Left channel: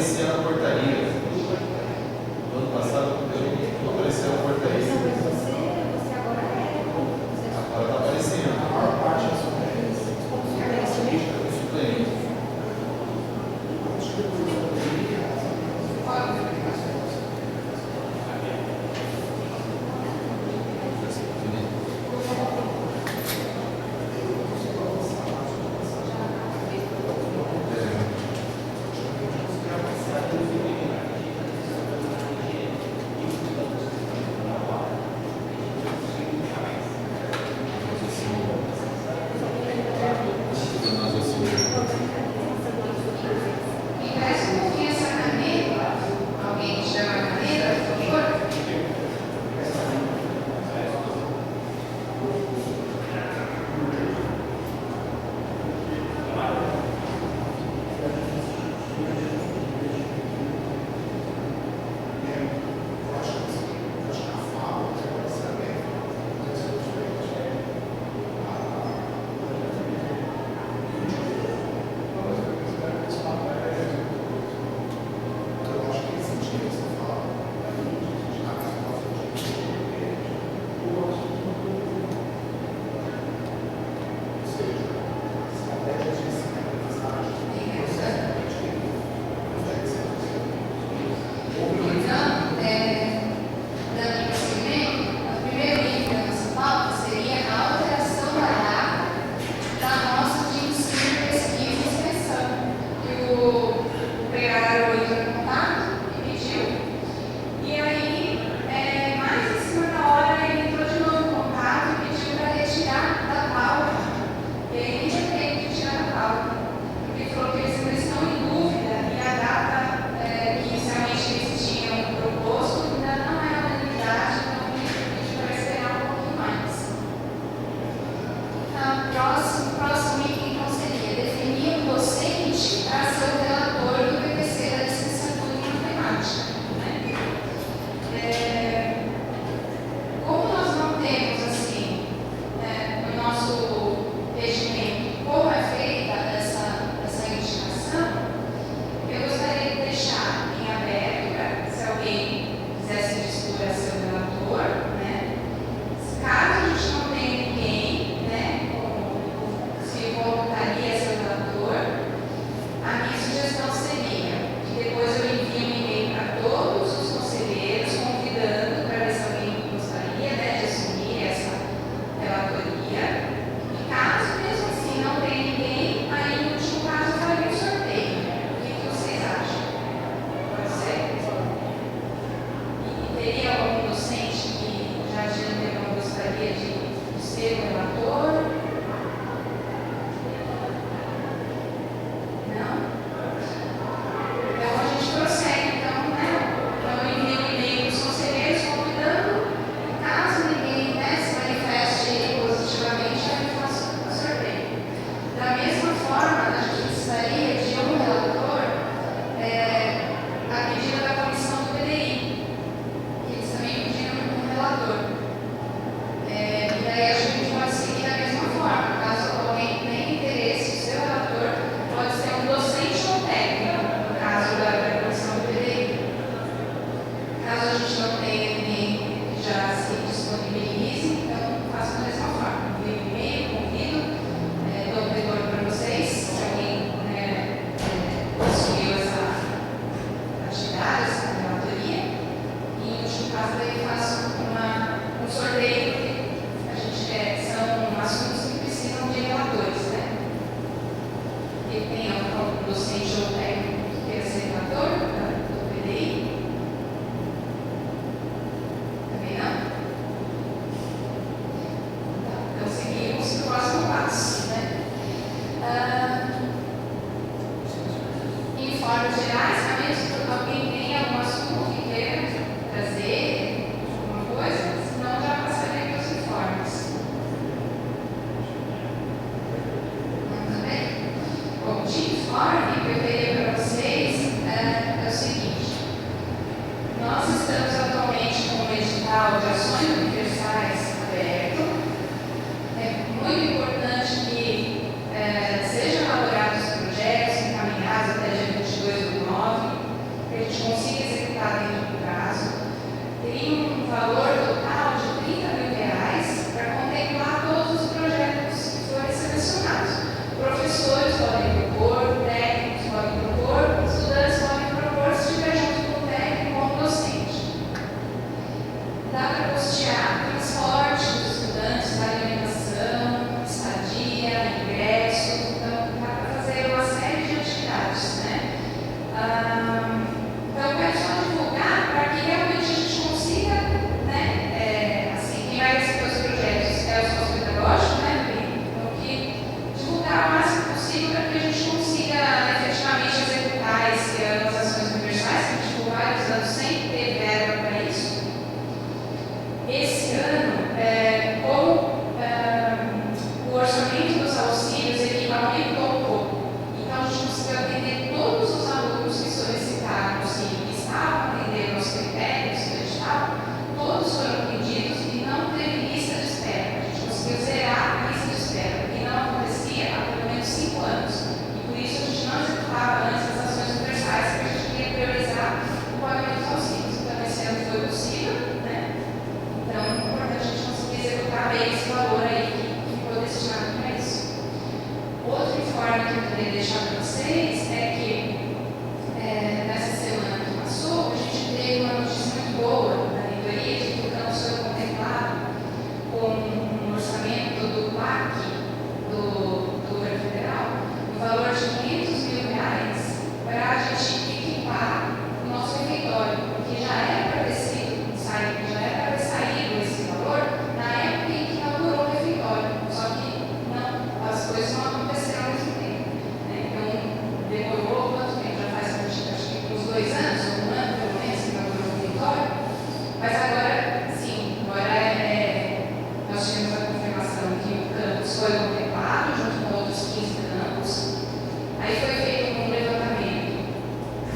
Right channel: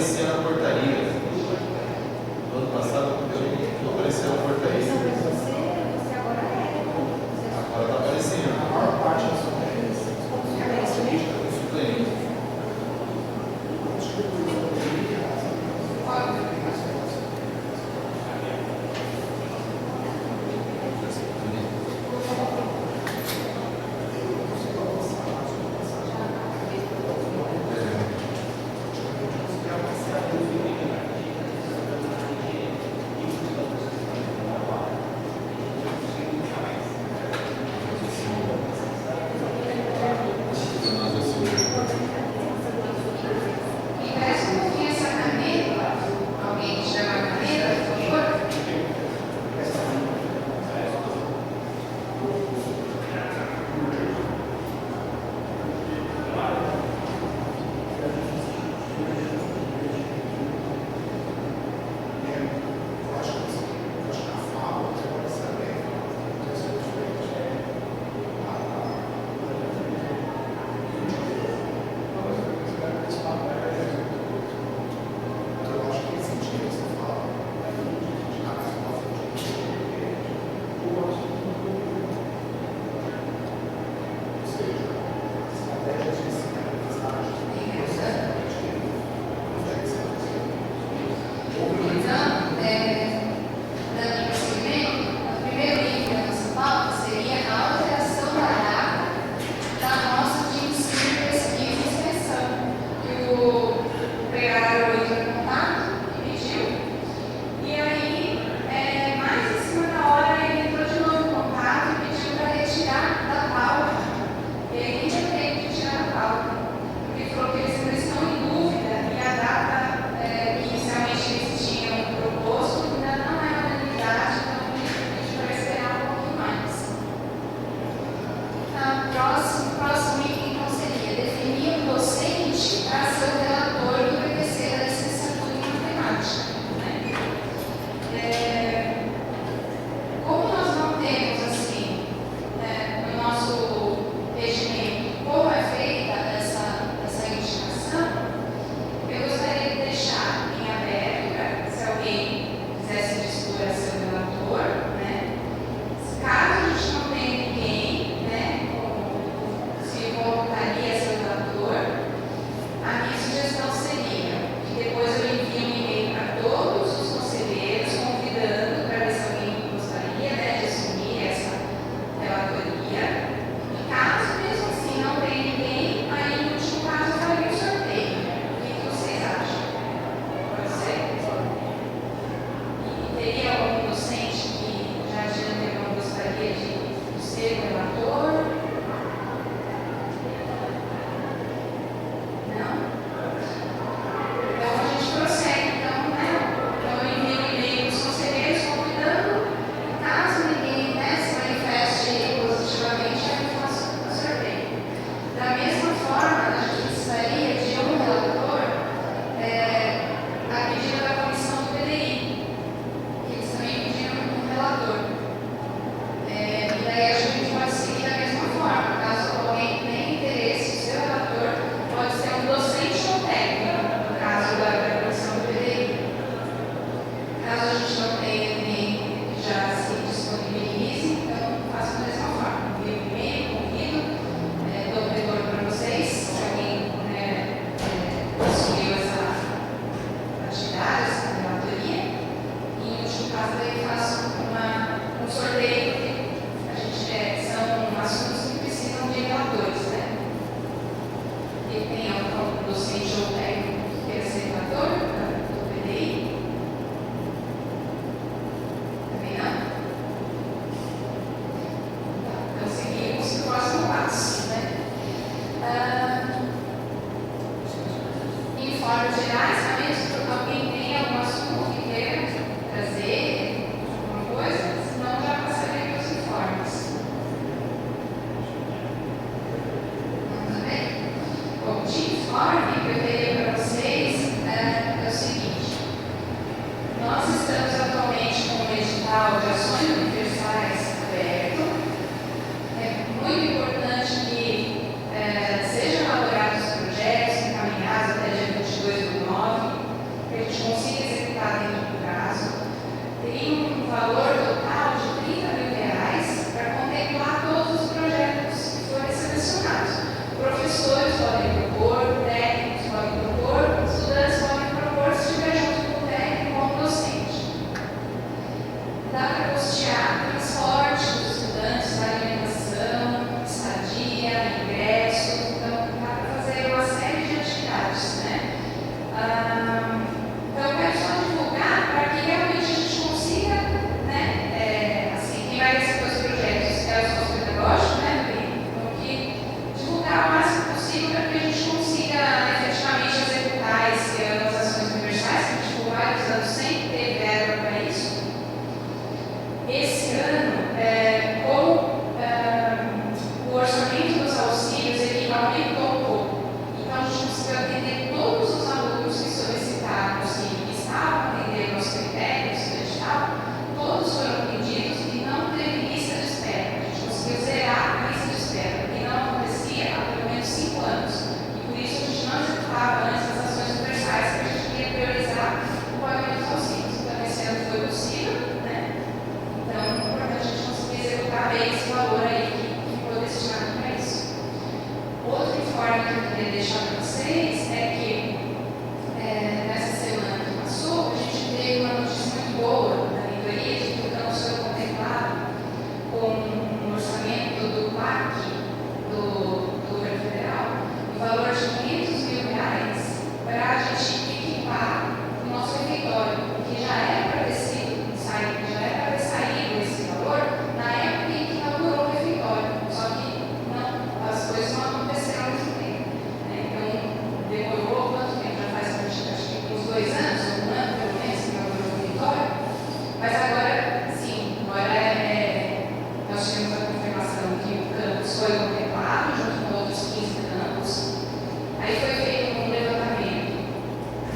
aparecia na portaria. No ano passado eu não aparecia na portaria. Você agora é. Agora está aparecendo. A maior parte das mulheres Suplente. Sejam elaborados projetos encaminhados até dia 22/9. para a gente equipar o nosso refeitório, porque já era para ter sido saído, já era para ter saído esse valor na época em que inaugurou o refeitório, só que não, as coisas não aconteceram ao mesmo tempo, né? Então, demorou quanto tempo? Já faz acho que uns 2 anos, ou 1 ano pelo menos, que inaugurou o refeitório, mas agora, sim, nós tivemos a confirmação que o campus foi contemplado junto com outros 15 campos. Aí foi feito um levantamento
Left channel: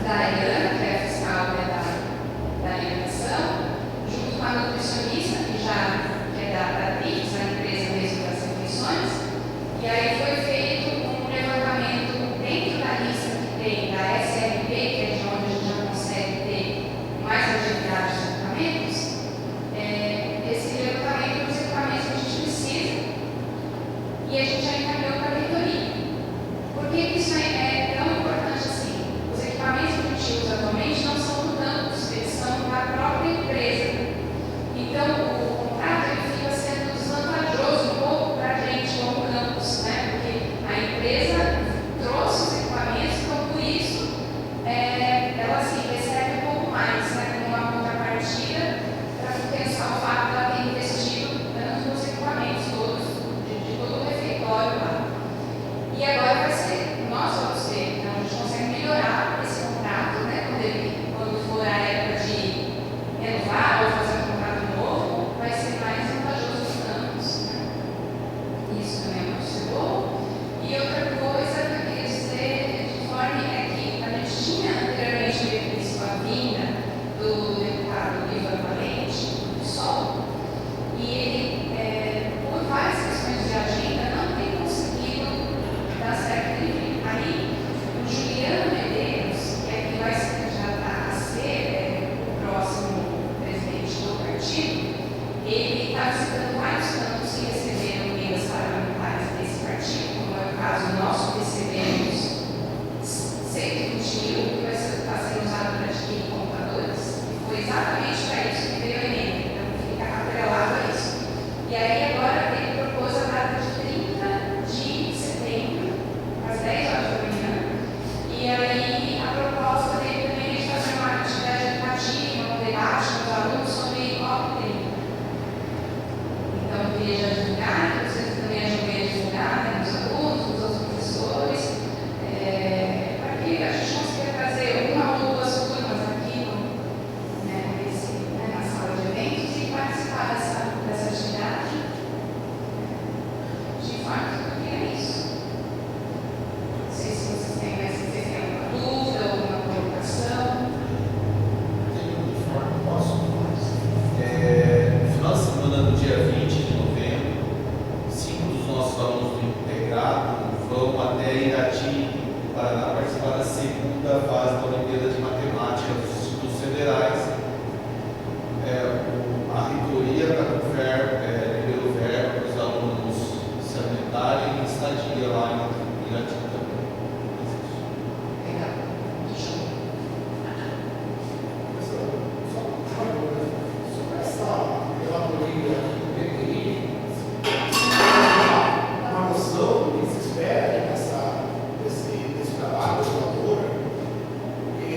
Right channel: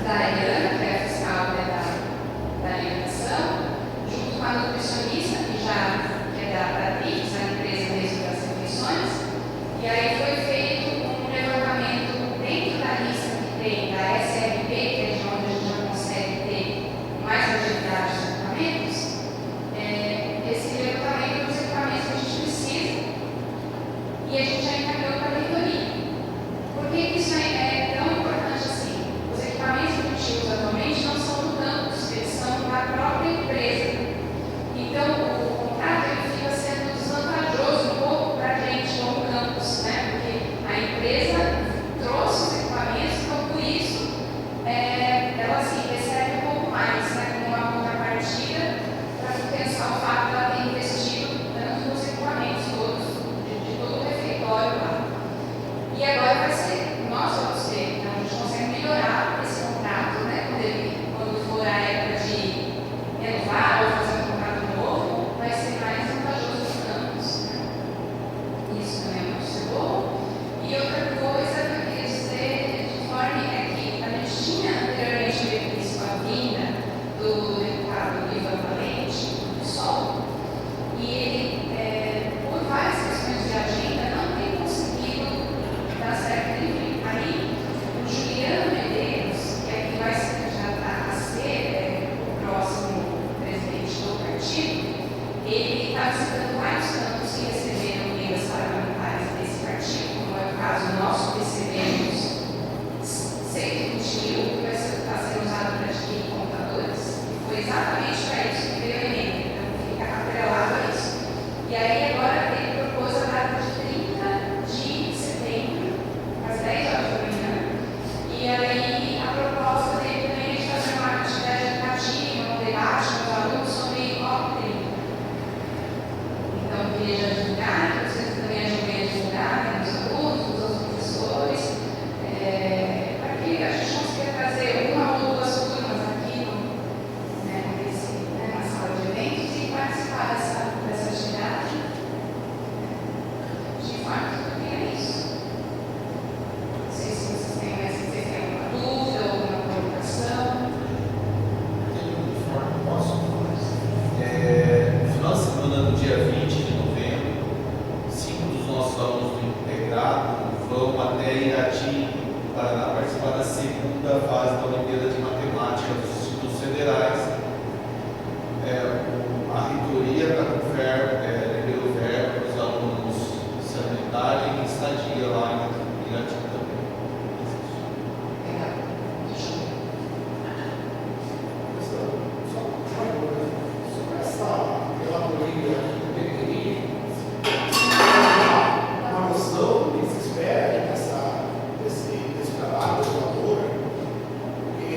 da Ariana, que é a fiscal da alimentação, junto com a nutricionista, que é da Trix, a empresa mesmo das refeições. E aí foi feito um levantamento dentro da lista que tem da SRP, que é de onde a gente já consegue ter mais longevidade dos equipamentos. Esse levantamento dos equipamentos que a gente precisa e a gente já encaminhou para a reitoria. Por que isso é tão importante assim? Os equipamentos que a gente usa atualmente não são do campus, eles são da própria empresa. Então, o contrato ele fica sendo desvantajoso um pouco para a gente como campus, né? Porque a empresa trouxe os equipamentos, então por isso ela assim, recebe um pouco mais, né? Como uma contrapartida para compensar o fato de ela ter investido tanto nos equipamentos todos, de todo o refeitório lá. E agora vai ser nosso você, então a gente consegue melhorar esse contrato, né? Quando for a época de renovar ou fazer um contrato novo, vai ser mais vantajoso para os campos, né? Isso também é muito bom. E outra coisa que eu queria dizer de forma é que a gente tinha anteriormente previsto a vinda do deputado Ivan Valente, do PSOL, e ele, por várias questões de agenda, não tem conseguido dar certo ele. Aí, o Juliano Medeiros, que é quem vai se candidatar a ser o próximo presidente do partido, ele está visitando vários campos que receberam emendas parlamentares desse partido, como é o caso nosso, recebemos 120 mil, que vai estar sendo usado para adquirir computadores, e foi exatamente para isso que veio a emenda, então fica atrelado a isso. E aí agora ele propôs a data de 30 de setembro, às 10 horas da manhã, e aí a proposta dele também é de fazer uma atividade educativa, um debate com os alunos sobre COP30. Então eu queria já divulgar, vocês também ajudem a divulgar, né, os alunos, os outros professores, para que a gente consiga trazer uma ou duas turmas aqui na sala de eventos e participar dessa atividade. De fato, eu queria isso. Não sei se vocês têm alguma dúvida, alguma colocação. No final de semana, no dia 20 de novembro, 5 dos nossos alunos do integrado vão até Irati, Paraná, participar da segunda fase da Olimpíada de Matemática dos Institutos Federais. A reitoria liberou verba para os alunos se alimentarem e estadia lá em Irati também. Legal. Só uma coisa, sobre essa relatoria do PTI, uma noção que se espera desse trabalho da relatora, porque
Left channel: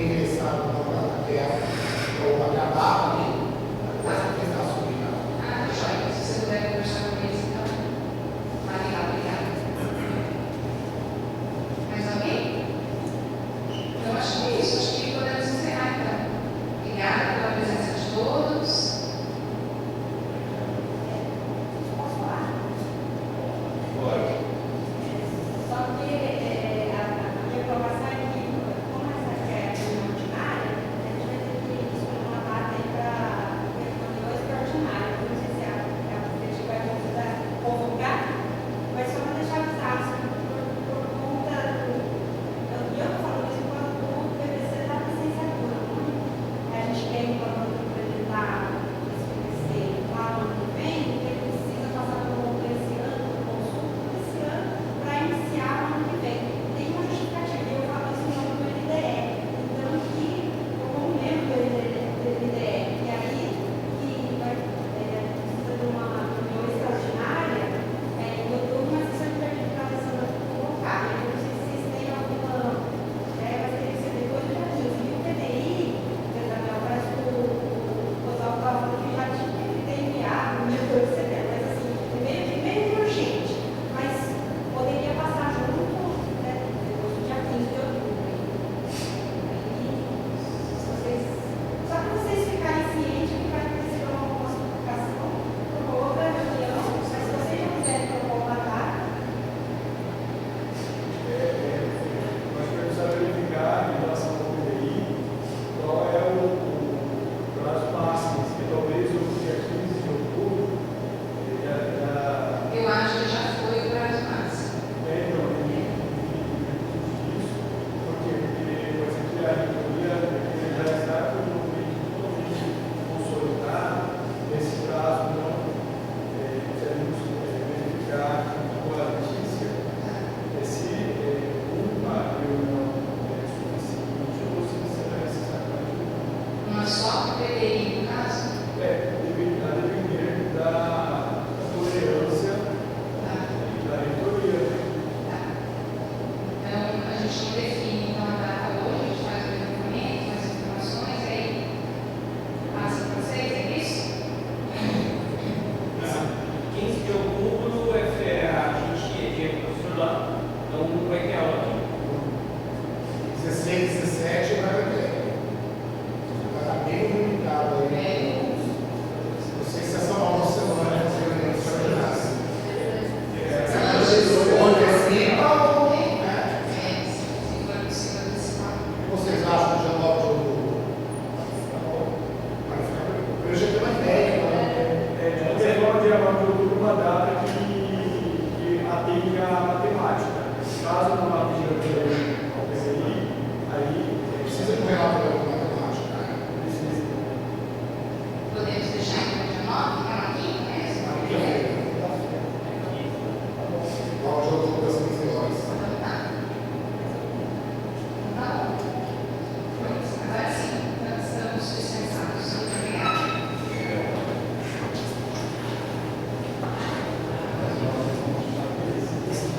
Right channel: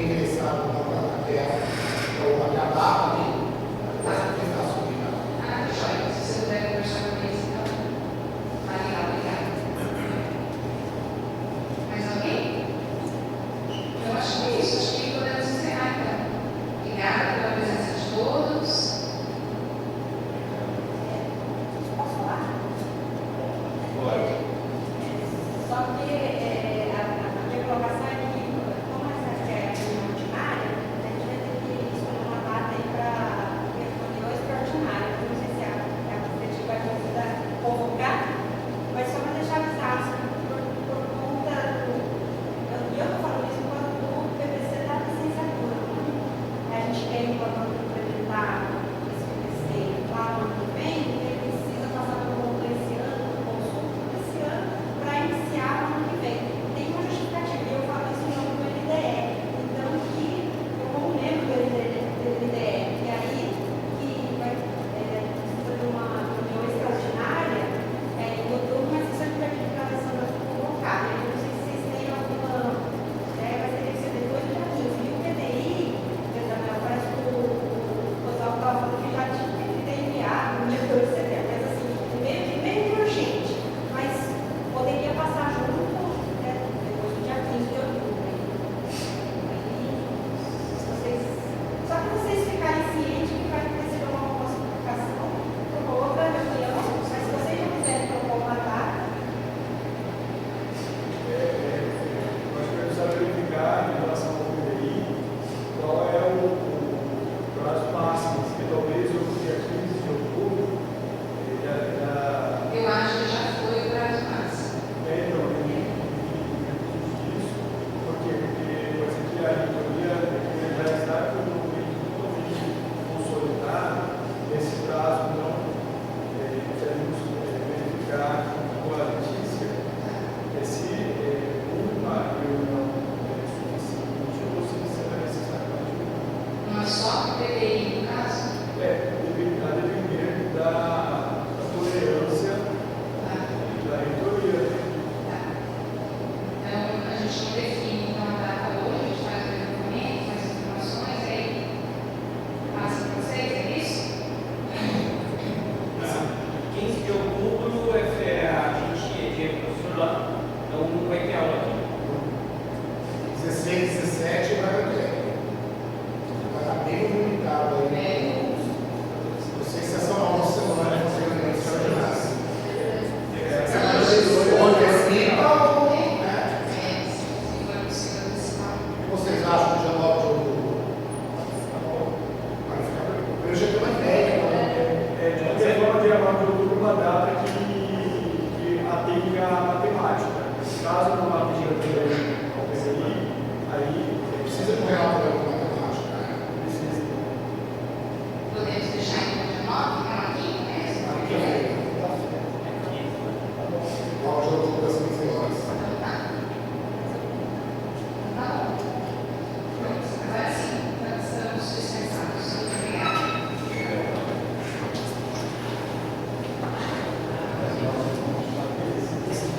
alguém interessado na terra ou acabar ali, vai tentar subir lá. Ah, joia. Se você puder conversar com eles, então. Vai lá, obrigada. Mais alguém? Eu acho que é isso. Acho que podemos encerrar, então. Obrigada pela presença de todos. Posso falar? Pode. Só que a minha colocação é que, como essa é ordinária, a gente vai ter que escolher uma data aí para reunião extraordinária. Não sei se a prefeitura vai convidar, convocar, mas só para deixar avisado, por conta do. E eu estou falando isso quando o PPC da licenciatura. A gente tem plano para implementar esse PPC lá no ano que vem, ele precisa passar por um esse ano, por consulta esse ano, para iniciar o ano que vem. Tem uma justificativa, e eu falo isso em nome do LDE. Então, que eu como membro do LDE, e aí que vai precisa de uma reunião extraordinária, eu dou uma sessão de planificação colocada. Eu não sei se vocês têm alguma, mas teria que ser depois do dia 15. E o PDI, Daniel, parece que o pessoal estava falando que já tinha que ter enviado no dia 2 de setembro, mas assim, meio urgente, mas poderia passar junto, depois do dia 15 de outubro. Só para vocês ficarem cientes que vai receber uma notificação para uma outra reunião, mas se vocês não quiserem propor uma data, Nós precisamos verificar em relação ao PDI qual é o prazo máximo, que talvez o dia 15 de outubro Eu acho que já foi o prazo máximo. então, disso, porque pode ser que a reitoria já está com o documento totalmente consolidado nesse prazo, então queremos verificar com a Letícia se uma reunião é suficiente ou se será necessário mais de uma. Uma só para o PDI, no caso. A depender da tolerância Tá? da reitoria. Tá. Então, a gente não define então, a data hoje, a gente faz o levantamento, faz as informações, aí passa para vocês, é isso? 15 de outubro a gente é professor lá, então não vai ter aula aqui. 16, 17 vai ter. Vai estar bem limitado aí. Não sei se essa nova semana vai fazer uma extraordinária. Onde é pipa ou. Se for possível, antecipar. Vocês acham que já